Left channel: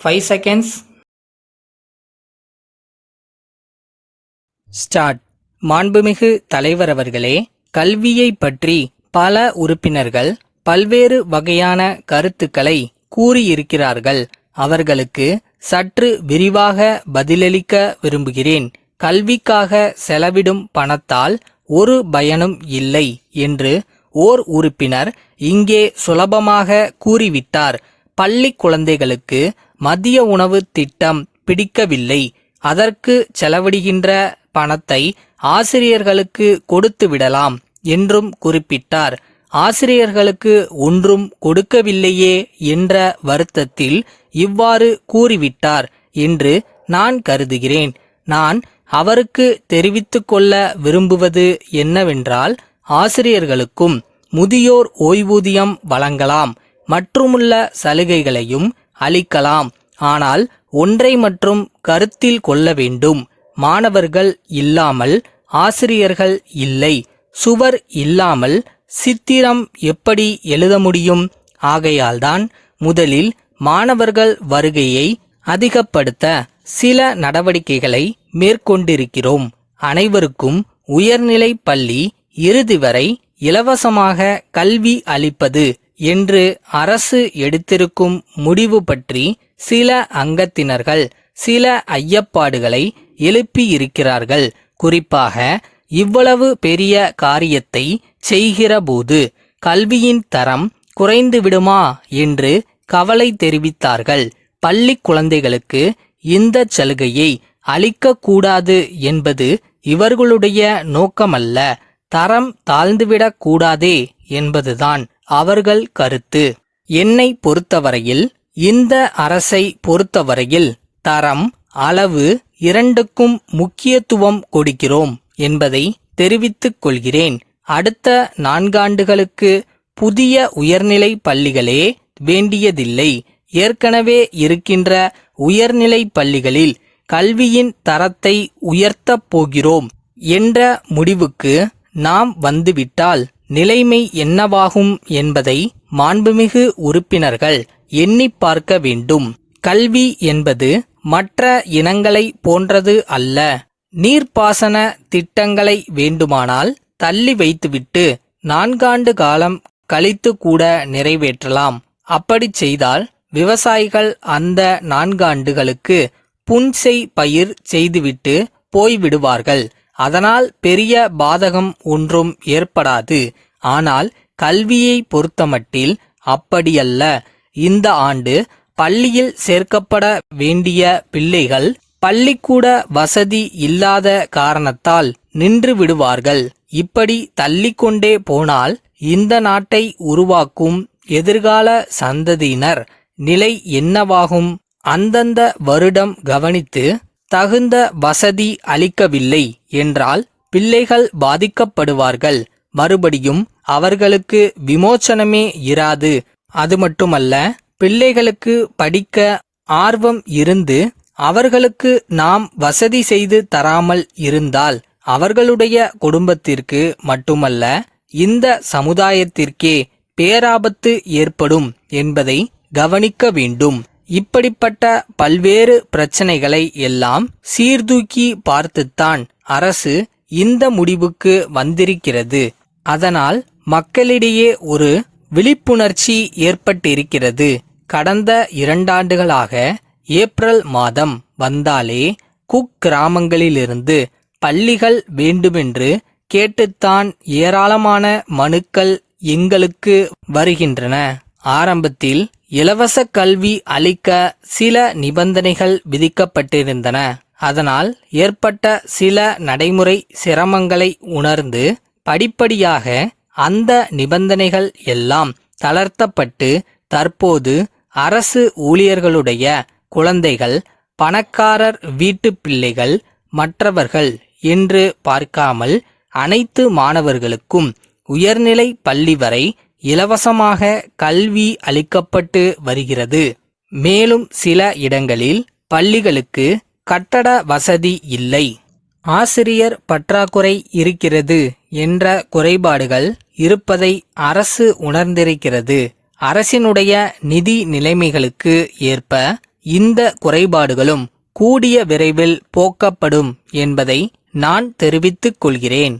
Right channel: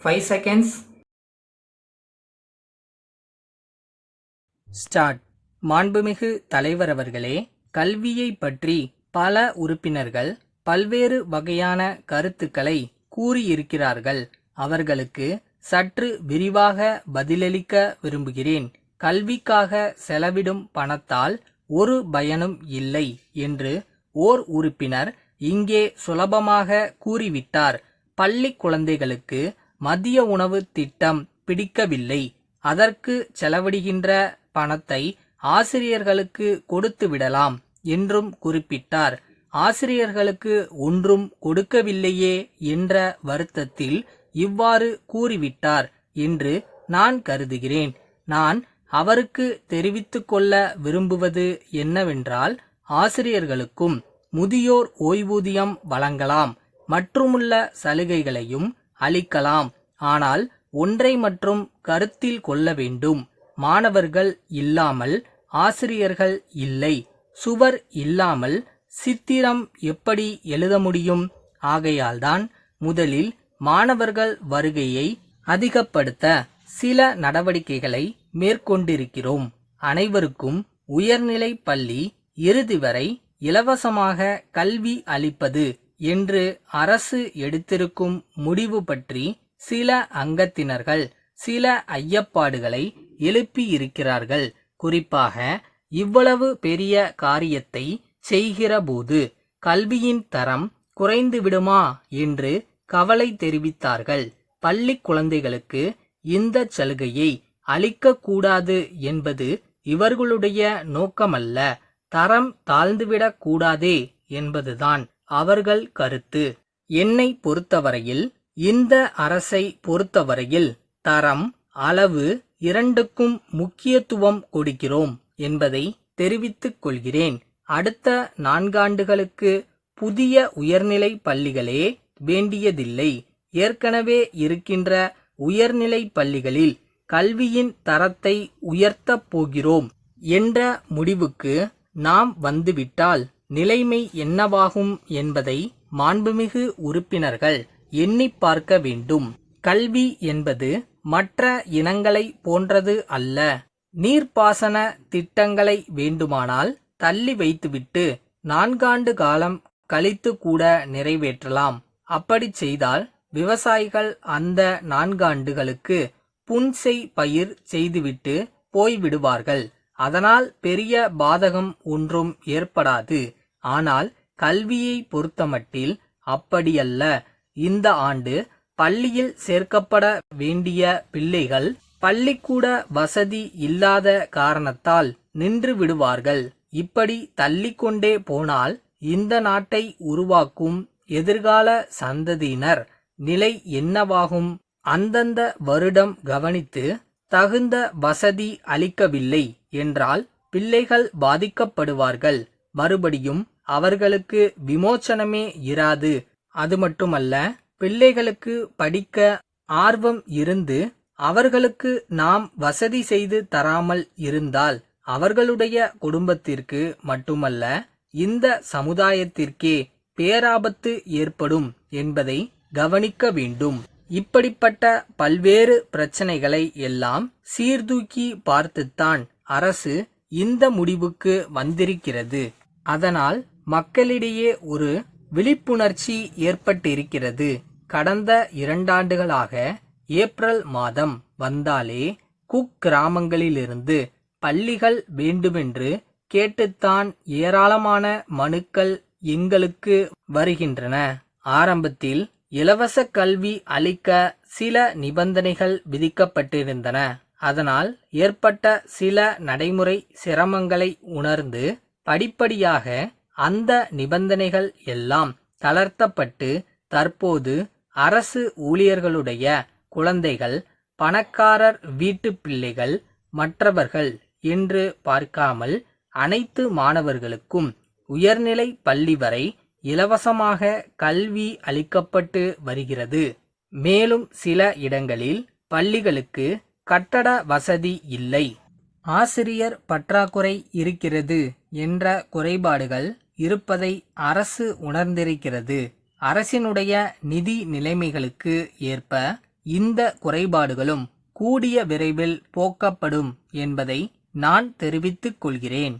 5 seconds. Start. மாண்புமிகு தலைவர் அவர்களே, கல்வியை பற்றி பல உறுப்பினர்கள் பல்வேறு வகையான கருத்துக்களை கூறியிருக்கிறார்கள். அவர்களுக்கு சற்று விரிவாக பதிலளிக்க விரும்புகிறேன். கல்விக்காக செலவிடும் பணத்தால் ஒரு பயனும் இல்லை என்று ஓர் உறுப்பினர் இங்கே சுலபமாக கூறிவிட்டார். பள்ளி குழந்தைகளுக்கு மதிய உணவு திட்டம் பிடிக்கவில்லை. அதற்கு செலவிடுகின்ற பணத்தை ஆசிரியர்களுக்கு கொடுத்து விடலாம் என்றும் குறிப்பிட்டார். ஆசிரியர்களுக்கு ஒன்றும் கொடுக்கவில்லையே என்ற வருத்தத்தில் இவ்வாறு கூறிவிட்டார் என்று நான் கருதுகிறேன். நான் அவருக்கு தெரிவித்துக் கொள்ள விரும்புவது என்னவென்றால், ஆசிரியர்களுக்கும் முதியோர் ஓய்வூதியம் வழங்கலாம், மற்றுமுள்ள சலுகைகளையும் அளிக்கலாம். ஆனால் ஒன்றை மட்டும் கருத்தில் கொள்ள வேண்டும். மாணவர்கள் இல்லாமல் ஆசிரியர்கள் இல்லை. சுவர் இல்லாமல் சித்திரம் எப்படி எழுத முடியும்? ஆகையால்தான் முதலில் மாணவர்கள் வருகையை அதிகப்படுத்த சில நடவடிக்கைகளை மேற்கொண்டிருக்கிறோம். அனைவருக்கும் உயர்நிலை பள்ளி இறுதி வரை இலவசமாக கல்வி அளிப்பது என்று அரசு எடுத்திருக்கும் முடிவு பற்றி சில அங்கத்தினர்கள் சில ஐயப்பாடுகளை எழுப்பியிருக்கிறார்கள். குறிப்பாக இவ்வளவு பெரிய காரியத்தை செய்கிறபோது கல்வியின் தரம் குறைந்து விடுமா என்று கவலை தெரிவித்தார்கள். பள்ளி குழந்தைகளுக்கு இந்த சலுகையை அளிக்கக்கூடாது என்பது இவர்களுடைய நோக்கமல்ல. தரம் தாழ்ந்துவிடக் கூடாதே என்பதுதான் அவர்கள் கருத்து. என்னை பொறுத்தவரையில், இந்த அரசை பொறுத்தவரையில் தரம், அளவு இரண்டுக்கும் முக்கியத்துவம் கொடுக்கிறோம் என்பதை தெரிவித்துக் கொள்கிறேன். அடுத்த 4 ஆண்டுகளுக்கு புதிய உயர்நிலை பள்ளிகளே வேண்டியதில்லை. ஏற்கனவே இருக்கின்ற உயர்நிலை பள்ளிகளில் கல்வியின் தரத்தை உயர்த்தப் போகிறோம் என்ற முடிவுக்கு நாம் வந்துவிட்டால் நிலைமை என்னவாகும் என்பதை மாண்புமிகு உறுப்பினர்கள் எண்ணி பார்க்க வேண்டும். கல்வி என்பது மற்ற இனங்களை போன்றது அல்ல. நீர்ப்பாசன திட்டங்களை வேண்டுமானால் தள்ளி வைத்துவிட்டு 4 ஆண்டு காலம் கழித்து கூட நிறைவேற்றலாம். அப்படி செய்தால் விவசாயிகள் அந்த 4 ஆண்டுகளுக்கு புன்செய் பயிர் செய்துவிட்டு போய்விடுவார்கள். அதனால் பெரிய பாதகம் ஒன்றும் ஏற்படாது. ஆனால் கல்வியை பொறுத்தமட்டில் அப்படியல்ல. இந்த ஆண்டு பள்ளியில் சேர்க்கப்பட வேண்டிய பிள்ளைகள் பள்ளிக்கூட வசதி இல்லாத காரணத்தால் நின்று விடுவார்கள். இப்படி தள்ளிக்கொண்டே போனால் இந்த நாட்டை உருவாக்கும் எதிர்கால சந்ததியினர் நிலை என்னவாகும்? அந்தந்த வருடம் கவனித்து தகுந்த வசதி அளிக்கவில்லை என்றால் பிள்ளைகள் பாதிக்கப்படுவார்கள். மறுபடியும் அவர்களுக்கு விமோச்சனமே இராது. அது மட்டுமல்ல, பிள்ளைகளுக்கு படிக்க ஆர்வம் இருந்து அவர்களுக்கு நாம் வசதி செய்து தராமல் இருந்தால் அவர்களுடைய குடும்பத்திற்கு மட்டுமல்ல, இந்த சமுதாயத்திற்கே பேராபத்து ஏற்படும் என்பதை கவனிக்க வேண்டும். இப்படிப்பட்ட பல்வேறு பிரச்சனைகளை எல்லாம் சீர்தூக்கி பார்த்துத்தான் அரசு இந்த முடிவுக்கு வந்திருக்கிறது. அதனால் மக்களிடையே ஒரு விழிப்புணர்ச்சி ஏற்பட்டிருக்கிறது. கடந்த 2 ஆண்டுகளாக ஏப்ரல் மாதம் வந்தாலே குக்கிராமங்களிலிருந்து பள்ளிகள் வேண்டுமென்று கேட்டுத்தான் ஏராளமான மனுக்கள் எங்களுக்கு வருகின்றன. ஆரம்பத்தில் இலவச கல்வி அளிக்க சில நிபந்தனைகள் விதிக்கப்பட்டிருந்தன. அதனால் ஏற்பட்ட சில நடைமுறை சிரமங்களை உணர்ந்து படிப்படியாக அந்த நிபந்தனைகள் எல்லாம் தளர்த்தப்பட்டு தற்போது அரசு ஊழியர்களுடைய குழந்தைகள், பணக்காரர் வீட்டு பிள்ளைகள், மற்றவர்கள் என்று பார்க்காமல் அனைத்து மாணவர்களுக்கும் உயர்நிலை பள்ளி வரை இலவசமாக கல்வி அளிக்கப்பட்டு வருகிறது. மேலும் சில இடங்களில் பள்ளிகளுக்கு கட்டட வசதி இல்லை, ஆசிரியர் பற்றாக்குறை இருக்கிறது என்ற குறைபாடுகள் இருப்பதை அரசு உணர்ந்திருக்கிறது. அரசினுடைய நிதி நிலைமைகளுக்கு ஏற்ப இந்த குறைபாடுகளும் கூடிய விரைவில் போக்கப்படும் என்பதை நான் தெரிவித்துக் கொள்கிறேன்.